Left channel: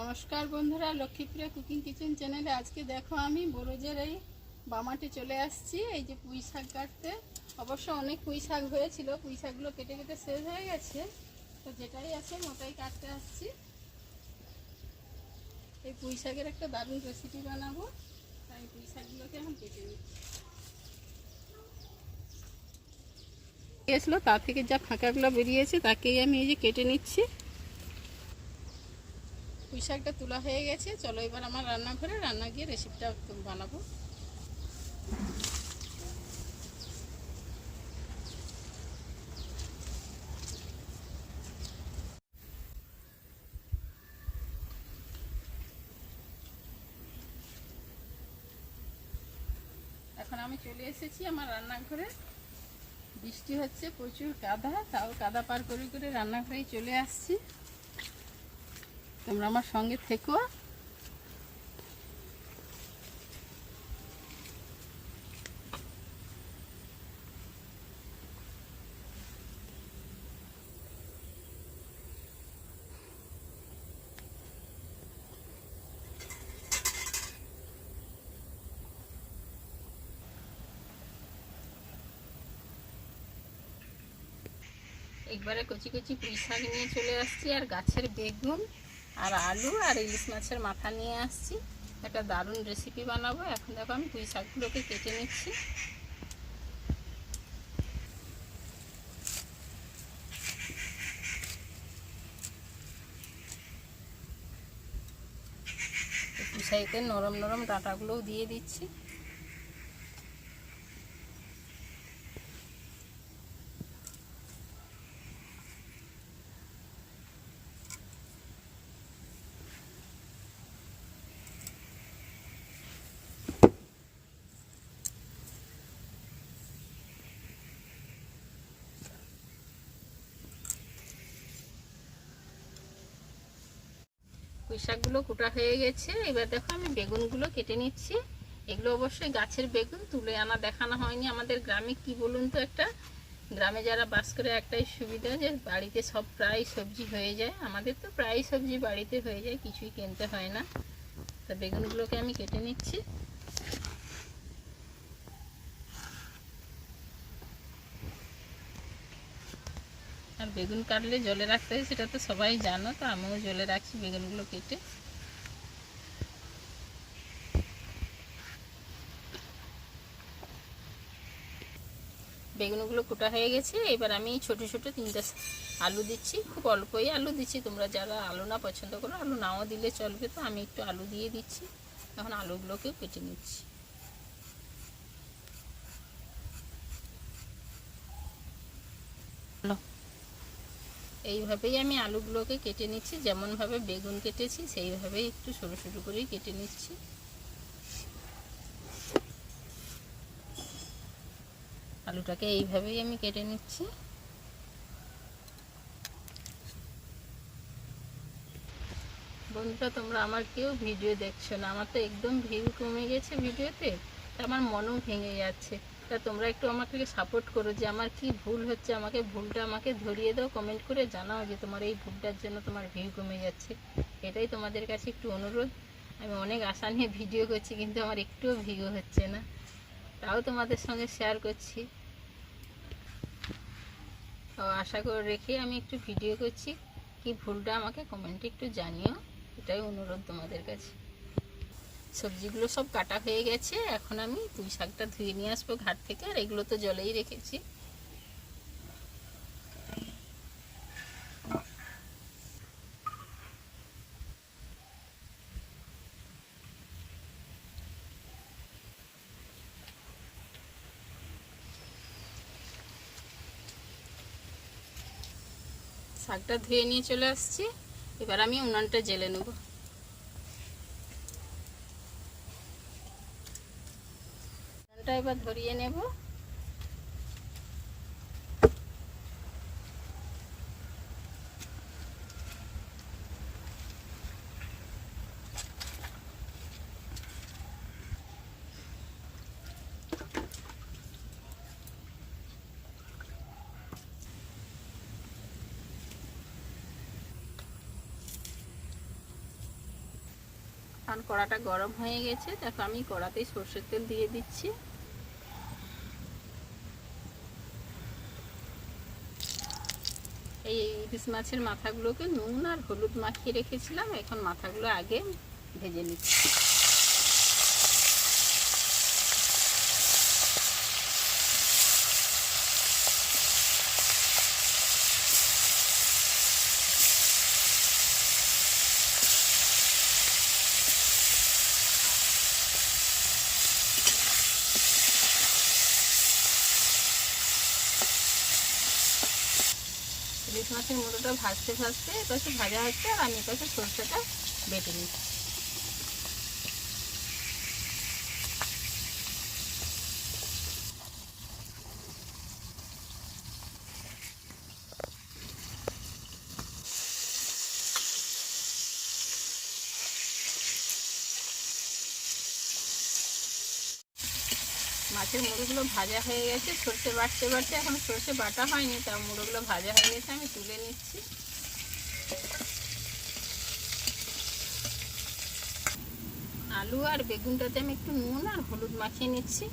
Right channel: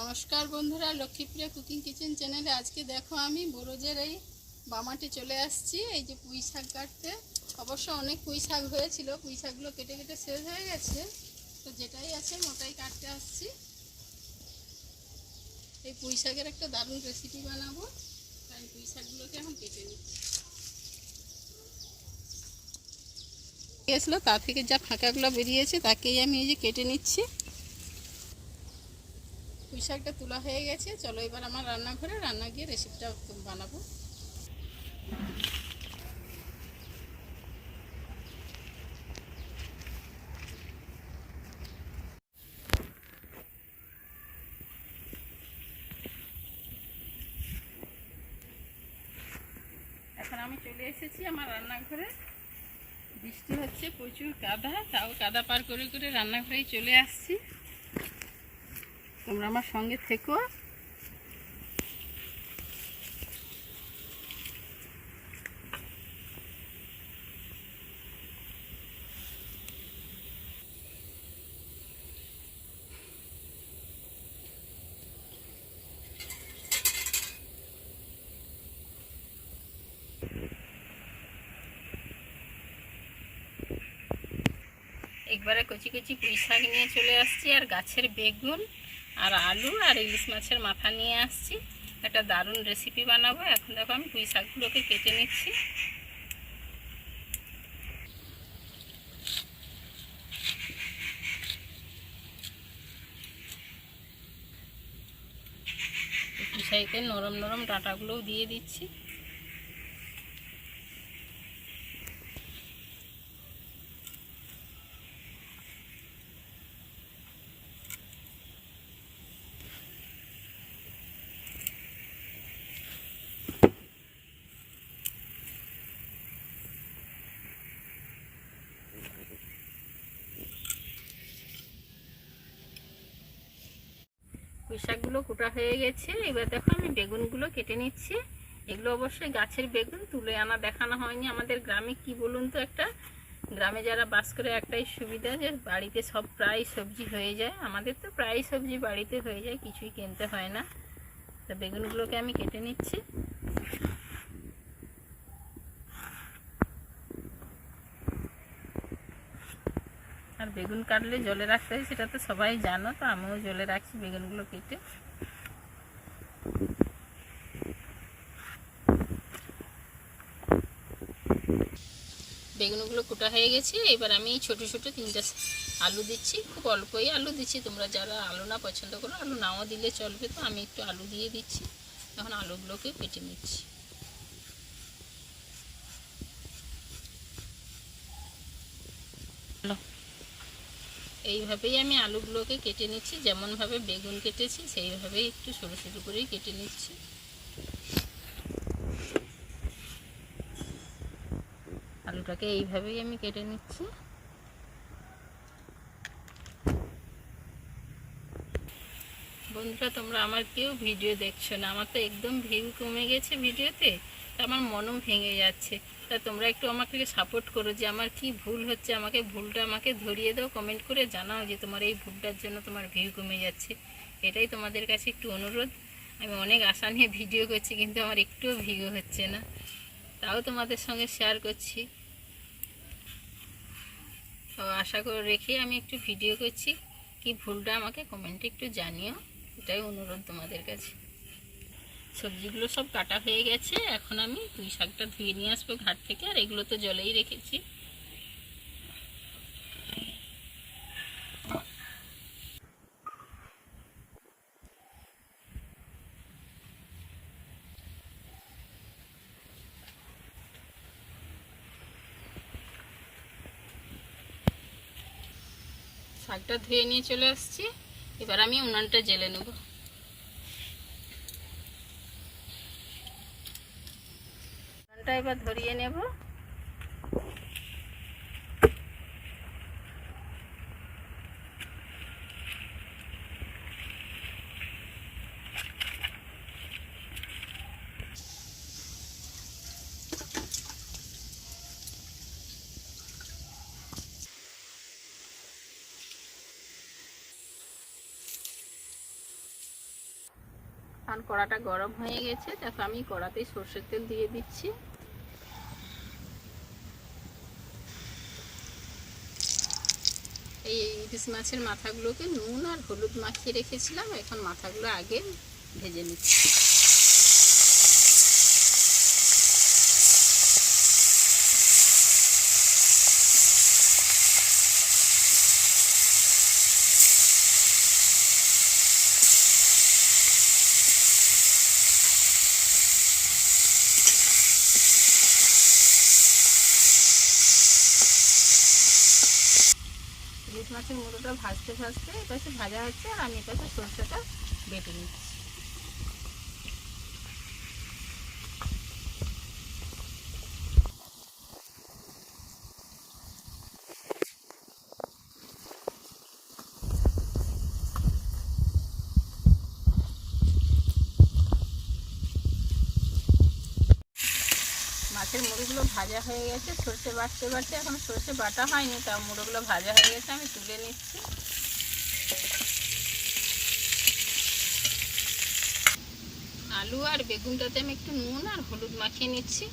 নমস্কার বন্ধুরা, Lakshmipriya cooking kitchen চ্যানেলে আজকে দেখো আমি বরজের এই বামাটে চলে আসছি। এই যে পুঁই শাক কাটতে, অবশ্য অনেক পুঁই শাক হয়েছিল, পুঁই শাকগুলো কেটে কেটে শেষ হয়ে গেছে, তো যেটাই আছে ওটাই কাটতে আসছি। এই পুঁই শাকের একটা দারুণ রেসিপি বানাবো, তাই পুঁই শাকগুলোকে এখন কেটে নিচ্ছি। গেছিলো তা থেকে যা ফাঁকাগুলো বেরিয়েছে তাকেই আমি এই যে কেটে নিচ্ছি। পুঁই শাকটা তোলা হয়ে গেছে, চলো এবার আমার রান্নাঘরে গিয়ে রেসিপিটা বানাবো। এখন আমি চলে এসেছি আমার রান্নাঘরে। বৃষ্টি হচ্ছে, প্রচুর কাদা, তাও কাদা পার করে করে রান্নাঘরেই চলে আসছি। তোমরা আমার সঙ্গে থেকো। একবারে কচি কচি পুঁই শাক নিয়ে চলে আসছি, আর গাছের বেগুন আর আলু আর ইলিশ মাছের মাথা নিয়ে আসছি। একটা দারুণ রেসিপি বানাবো। এখন দেখো আমি পুঁই শাকগুলোকে কেটে নিচ্ছি। পুঁই শাকের নরম নরম ডাঁটাগুলোও দিয়ে দিচ্ছি। পুঁই শাকগুলো কুটা হয়ে গেছে, এবার দেখো আমি বেগুনগুলো কেটে নিচ্ছি। এগুলো অবশ্যই গাছের বেগুন, তুলে আনা দেখানো হয়নি। আমাদের গ্রামে কি বলুন তো, একটা গ্রামে যারা বাস করে একটাই সুবিধা যে বাড়িতে সব প্রায় সবজি হয়ে যায়। আমাদের তো প্রায় সবজি বাড়িতে হয়ে যায়, কিছুই কিনতে হয় না। তা বেগুনগুলোকে আমি কেটে নিচ্ছি। আর বেগুন কাটলে জলে রাখতে হয়, সেটা তো সবাই জানো, তো আমিও জলে রাখছি বেগুনগুলো কেটে। বেগুনগুলো কুটা হয়ে গেছে, এবার আমি ছোট ছোট 3টা আলু দিচ্ছি। খুব অল্পই আলু দিচ্ছি, তোমরা যারা আলু না পছন্দ করো আলু নাও দিলে চলবে, তো আমি একটু আলু দিয়ে দিচ্ছি। এখন আলুগুলোকে কেটে নিচ্ছি। এইভাবেই আমি আলুগুলোকে কেটে নিচ্ছি, যেমনভাবে বেগুন কেটেছি সেইভাবেই একটু সরু সরু করেই কেটে নিচ্ছি। আলুটাকে এইভাবেই আমি কেটে নিচ্ছি। বন্ধুরা, তোমরা আমার কেউ ভিডিও দেখছো না, আমার তো একদম ভিউ কমে গেছে ভিডিওতে, তা আমার মনও ভেঙে যাচ্ছে। তা তোমরা একটু আমাকে সাপোর্ট করো, যে আমার কি ভুল হচ্ছে, ভুলটা আমাকে ধরিয়ে দাও, কমেন্ট করে জানাও যে তোমার এই ভুলটার জন্য তোমার ভিউ কমে যাচ্ছে। এটাই তোমাদের কাছে একটু অনুরোধ। আমি অনেক আশা নিয়ে ভিডিও করছি, কিন্তু আমার একটুও ভিউ হচ্ছে না, তাও তোমাদের সঙ্গে শেয়ার করছি। তো আশা করে রেখে আমি একটু ভিডিও করছি। কি ভুলটা আমাকে কমেন্টে একটু জানিও, এটাই অনুরোধ তোমাদের কাছে। সবজিগুলো সব কাটা হয়ে গেছে, এখন আমি পুঁই শাকটা ধুয়ে নিয়ে আসবো ঘাট থেকে। আর এগুলো তো জলেই রেখেছি। শাকটা ধুয়ে নিয়ে চলে আসছি, এবার আমি উনানটা জ্বেলে নেব। উনানটা এবার ধরিয়ে নেব। এখন কড়াটা গরম হয়ে গেছে, দেখো আমি কড়াতেই সরষের তেল দিয়ে দিচ্ছি। এই ইলিশ মাছের মাথাগুলোকে নুন আর হলুদ মাখিয়ে রেখেছিলাম, এখন মাথাগুলো আগে ভেজে নিচ্ছি। ইলিশ মাছের মুড়োটা ভাজতে ভাজতে এপাশে ভাজা হচ্ছে আর আমি এপাশে সরষেটা বেটে নিচ্ছি। মাছের মুড়োগুলো ভাজা হয়ে গেছে, সরষে বাটতে বাটতে এখন সরষে বাটা হয়নি, তাও মুড়োগুলো ভাজা হয়ে গেছে, আমি তুলে নিচ্ছি। আলু আর বেগুনটাতে আমি একটু নুন আর হলুদ মাখিয়ে নিচ্ছি।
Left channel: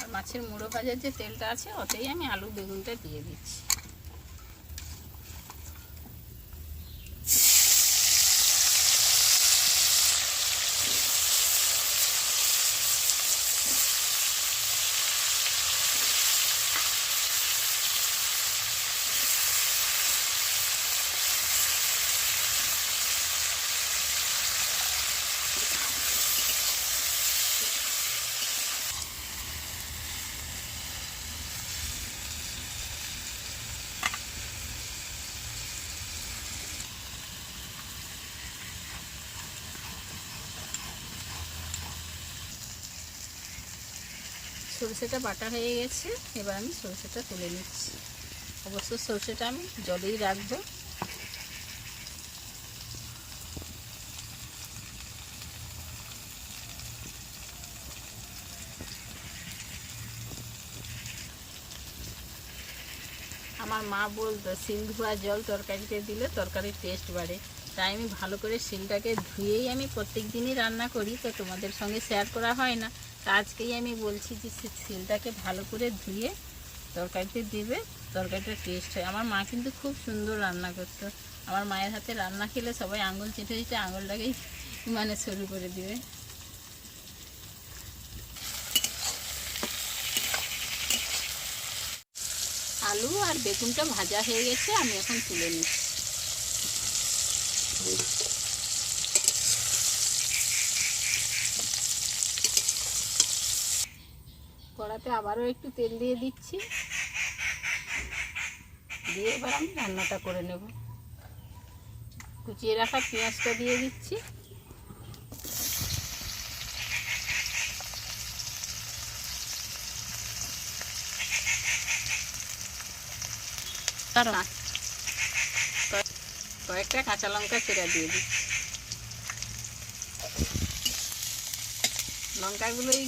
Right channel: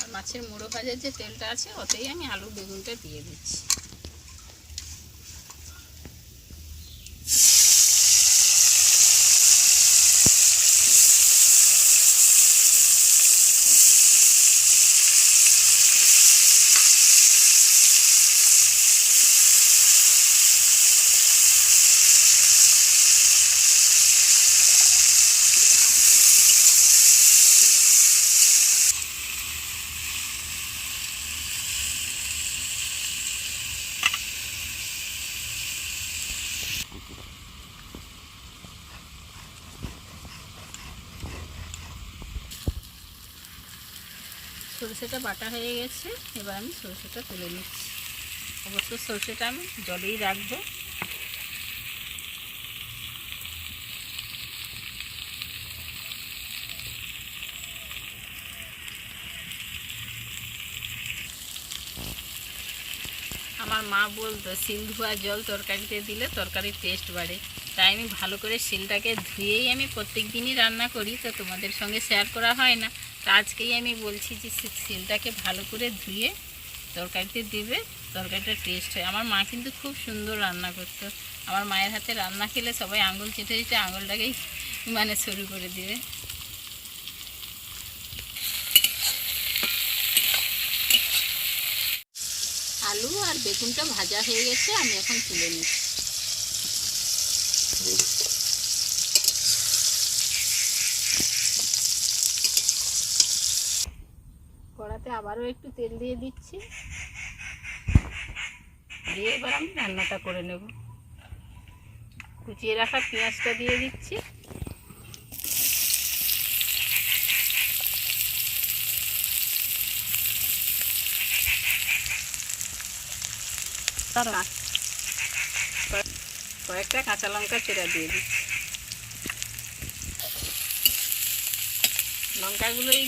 আর মাছের মুড়ো ভাজার যে তেলটা আছে ওতেই আমি আলু বেগুনটা দিয়ে দিচ্ছি। সরষেটা বাটা হয়ে গেছে, এবার আমি সরষেটা তুলে নিচ্ছি। অবশ্য সরষেটা আমি জলেই রাখবো। আমার মা বলতো শিল ধোয়া জল তরকারিতে দিলে তরকারির টেস্ট বাড়ে, তাই আমি ভালো করে শিলটাকে ধুয়েই আমি প্রত্যেক দিনই রান্না করি, তো তোমাদের সঙ্গে শেয়ার করা হয় না। তো আজকেই আমি বলছি যে শিলটাকে ভালো করে ধুয়ে তরকারিতে দিবে, তরকারিটা টেস্ট হয়। আমার মা কিন্তু খুব সুন্দর রান্না করতো, আমার মায়ের হাতে রান্না খেলে সবাই আঙুল চেটে চেটে আঙুলটাকেই মানে শুরু করে দিবে। আলু আর বেগুনটা ভাজা হয়ে গেছে, আমি এখন তুলে নিচ্ছি। কড়াতে আবারও একটু তেল দিয়ে দিচ্ছি, দিয়ে এবার আমি রান্নাটা করে নেব। কুচিয়ে রাখা পেঁয়াজটা দিয়ে দিচ্ছি। কয়েকটা কাঁচা লঙ্কা চেরা দিয়ে দিচ্ছি। লঙ্কাগুলো এই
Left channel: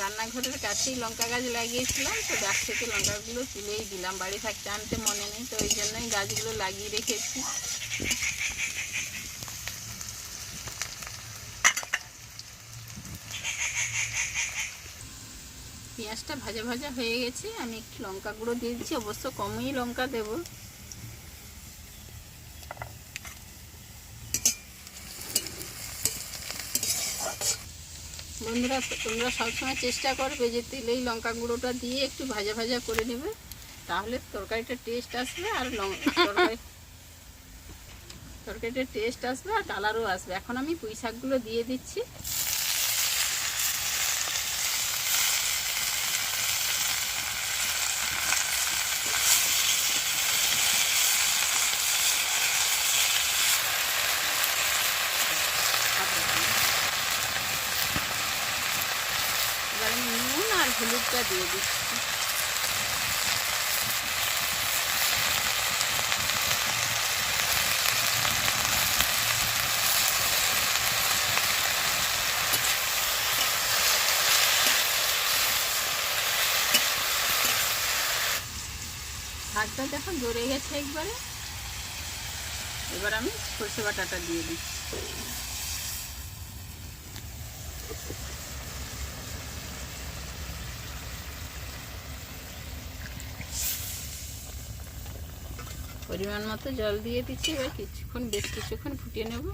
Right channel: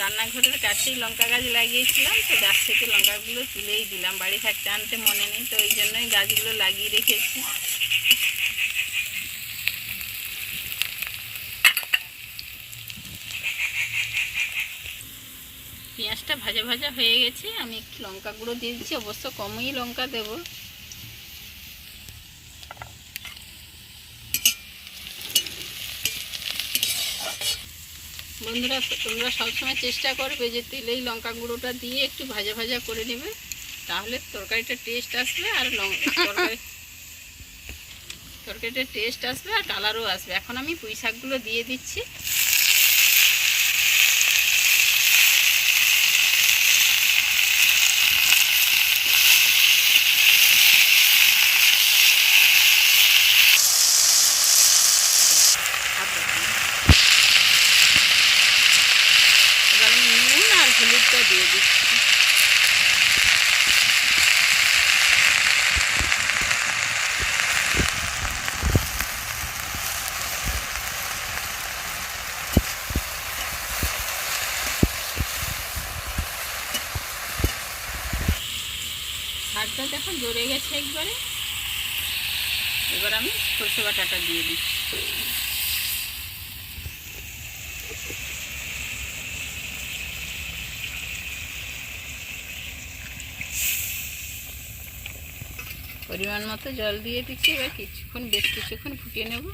রান্নাঘরের কাছেই লঙ্কা গাছ লাগিয়েছিলাম, তো গাছ থেকে লঙ্কাগুলো তুলেই দিলাম, বাড়ি থাকতে আনতে মনে নেই, তো ওই জন্যই গাছগুলো লাগিয়ে রেখেছি। পেঁয়াজটা ভাজা ভাজা হয়ে গেছে, আমি একটু লঙ্কা গুঁড়ো দিয়ে দিচ্ছি, অবশ্য কমই লঙ্কা দেব। বন্ধুরা তোমরা সবসময় চেষ্টা করবে যে তেলেই লঙ্কা গুঁড়োটা দিয়ে একটু ভাজা ভাজা করে নেবে, তাহলে তরকারিটা টেস্ট আসবে আর তরকারিটা টেস্ট আসবে আর কালারও আসবে। এখন আমি পুঁই শাকগুলো দিয়ে দিচ্ছি। এবার আমি নুন আর হলুদটা দিয়ে দিচ্ছি। শাকটা দেখো জড়ে গেছে একবারে। এবার আমি সরষে বাটাটা দিয়ে দিই। পরিমাণ মতো জল দিয়ে দিচ্ছি। এবার বেশ কিছুক্ষণ ফুটিয়ে নেব।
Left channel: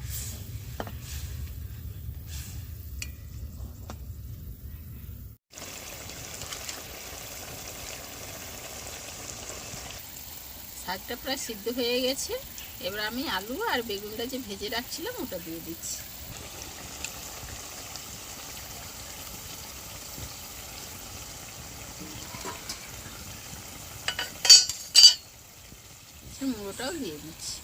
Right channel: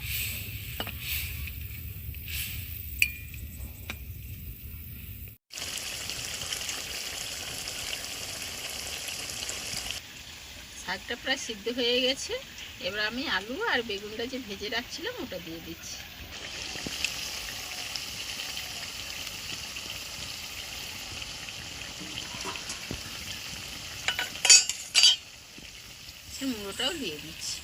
শাকটা প্রায় সিদ্ধ হয়ে গেছে। এবার আমি আলু আর বেগুনটা যে ভেজে রাখছিলাম ওটা দিয়ে দিচ্ছি। মুড়োটাও দিয়ে দিচ্ছি।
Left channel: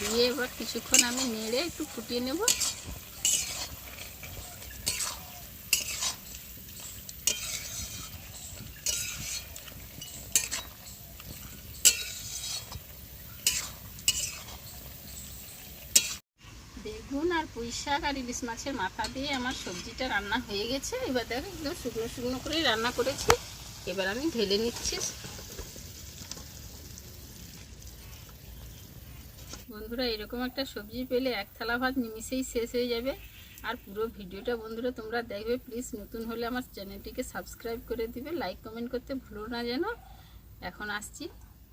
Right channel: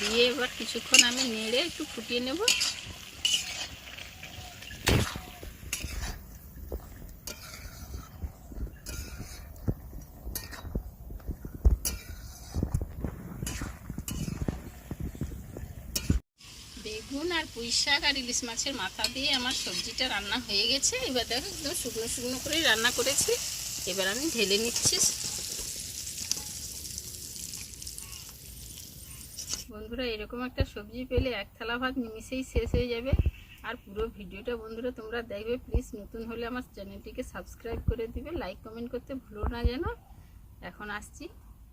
দিয়ে এবার কিছুক্ষণ আমি নেড়ে একটু ফুটিয়ে নেব। বেগুন আর পুঁই শাক আর ইলিশ মাছের মাথা দিয়ে আমার সবজিটা রান্না হয়ে গেছে। এবার দেখো একদম শুকনো শুকনো করেই রান্না করেছি। এবার আমি ঢেলে নিচ্ছি। বন্ধুরা, এরকম একটা সবজি পেলে এক থালা ভাত নিমিষেই শেষ হয়ে যাবে। আর পুরো ভিডিওটা বন্ধুরা তোমরা দেখবে। প্লিজ নতুন হলে আমার চ্যানেলটিকে সাবস্ক্রাইব করে দিবে, লাইক কমেন্ট করতে ভুলো না যেন। এখন আসছি,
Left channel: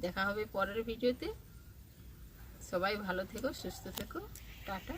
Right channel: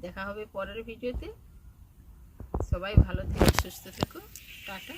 দেখা হবে পরের ভিডিওতে। সবাই ভালো থেকো, সুস্থ থেকো, টাটা।